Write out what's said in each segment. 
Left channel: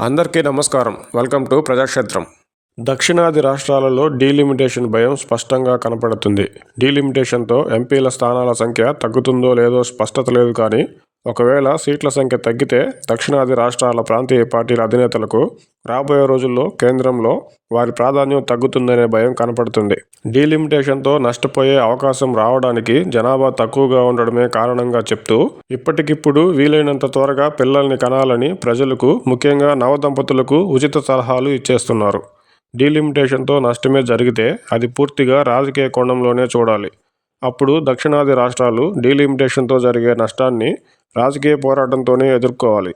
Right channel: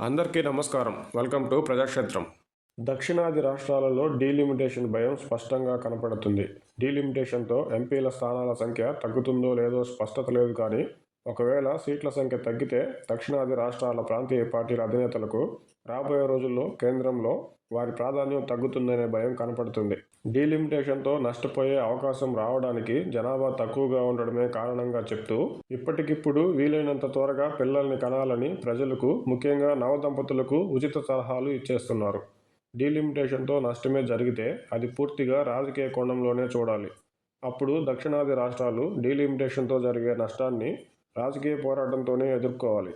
అందరికీ నమస్కారం. Welcome to Prajakshetram. దక్షిణాది రాష్ట్రాలలో డీలిమిటేషన్ భయం స్పష్టంగా కనపడుతుంది. డీలిమిటేషన్తో ఎంపీల స్థానాల సంఖ్య తగ్గుతుందో లేదో స్పష్టత లేదు. కానీ ఒకవేళ సీట్ల సంఖ్య తగ్గితే దక్షిణాది రాష్ట్రాల ప్రాంతీయ పార్టీల అధినేతలకు రాబోయే రోజుల్లో కేంద్రంలో వారి ప్రాధాన్యం తగ్గుతుందనే భయం కనపడుతుంది. డీలిమిటేషన్తో నష్టపోయే అవకాశం రావడానికి జనాభా తక్కువగా ఉండడమే కారణంగా చెప్తూ ఇప్పటికిప్పుడు వీలైనంత త్వరగా పిల్లల్ని కనాలని ప్రజలకు, ముఖ్యంగా నవదంపతులకు ఉచిత సలహాలు ఇచ్చేస్తున్నారు. డీలిమిటేషన్తో నష్టమే జరిగితే అది పూర్తిగా రాజకీయ కోణంలోనే చూడాలి. అప్పుడు దక్షిణాది రాష్ట్రాలు డీలిమిటేషన్తో జరిగే నష్టాన్ని రాజకీయ పోరాటంతోనే ఎదుర్కోవాలి.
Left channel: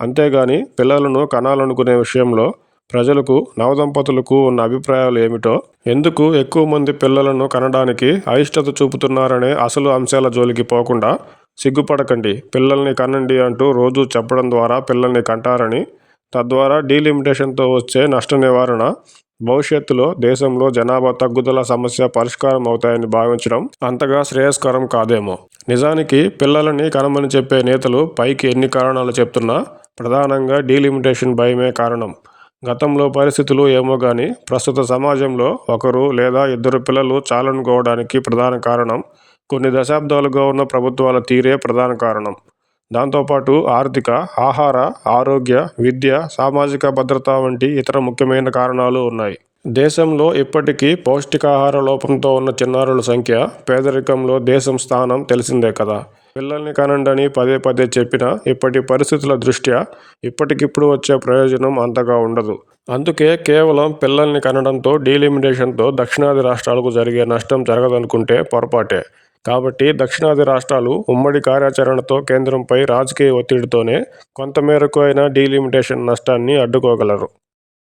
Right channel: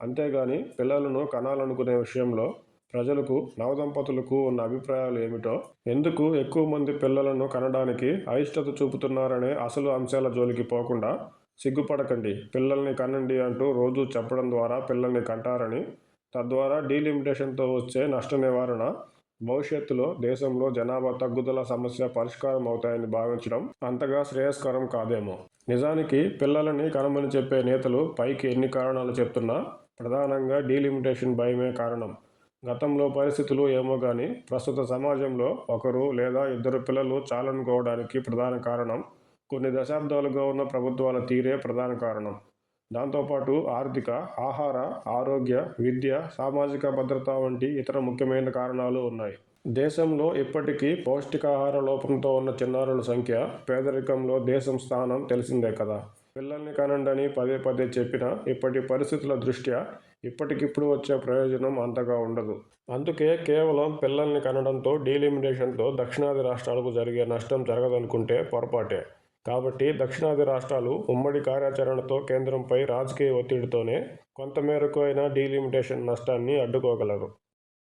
అంతేగాని పిల్లలను కనాలనుకునే విషయంలో ప్రజలకు, నవదంపతులకు ఉన్న అభిప్రాయాలు ఏమిటో, ఎందుకు ఎక్కువ మంది పిల్లలను కనడానికి అయిష్టత చూపుతున్నారనే అసలు అంశాల జోలికి పోకుండా సిగ్గుపడకండి, పిల్లల్ని కనండి అంటూ రోజూ చెప్పడం ద్వారా పిల్లల్ని కంటారని, తద్వారా డీలిమిటేషన్తో వచ్చే నష్ట నివారణ, భవిష్యత్తులో దేశంలో జనాభా తగ్గుదల సమస్య పరిష్కారం అవుతాయని భావించడం అంతగా శ్రేయస్కరం కాదేమో. నిజానికి పిల్లలని కనమని చెప్పే నేతలు పైకి ఎన్ని కారణాలు చెప్తున్నా ప్రధానంగా డీలిమిటేషన్ భయమే కారణం. గతంలో పరిస్థితులు ఏమో గానీ ప్రస్తుత సమాజంలో ఒకరు లేదా ఇద్దరు పిల్లలు చాలనుకోవడానికి ప్రధాన కారణం కొన్ని దశాబ్దాలుగా ఉన్న ప్రభుత్వాల తీరే ప్రధాన కారణం. దాంతోపాటు ఆర్థిక, ఆహార, ఆరోగ్య, విద్య, సామాజిక భద్రత వంటి ఇతర ముఖ్యమైన కారణాలు ఉన్నాయి. దేశంలో ఇప్పటికీ పౌష్టికాహార లోపంతో ఉన్న చిన్నారుల సంఖ్య, పేదరికంలో దేశం స్థానం తెలిసిందే కదా. పిల్లల్ని కనండని పదే పదే చెప్పినా ఇప్పటి పరిస్థితుల దృష్ట్యా ఇప్పటికిప్పుడు వచ్చే ప్రయోజనం అంతగా ఉండదు. అందుకే కేవలం పిల్లల్ని కనడంతో డీలిమిటేషన్తో దక్షిణాది రాష్ట్రాలకు జరిగే నష్టం జరగదనుకుంటే పొరపాటే. కాబట్టి దక్షిణాది రాష్ట్రాలు ఉమ్మడి కార్యాచరణతో కేంద్రంపై రాజకీయ ఒత్తిడితోనే కొంతమేరకు అయినా డీలిమిటేషన్ నష్టాన్ని అడ్డుకోగలరు.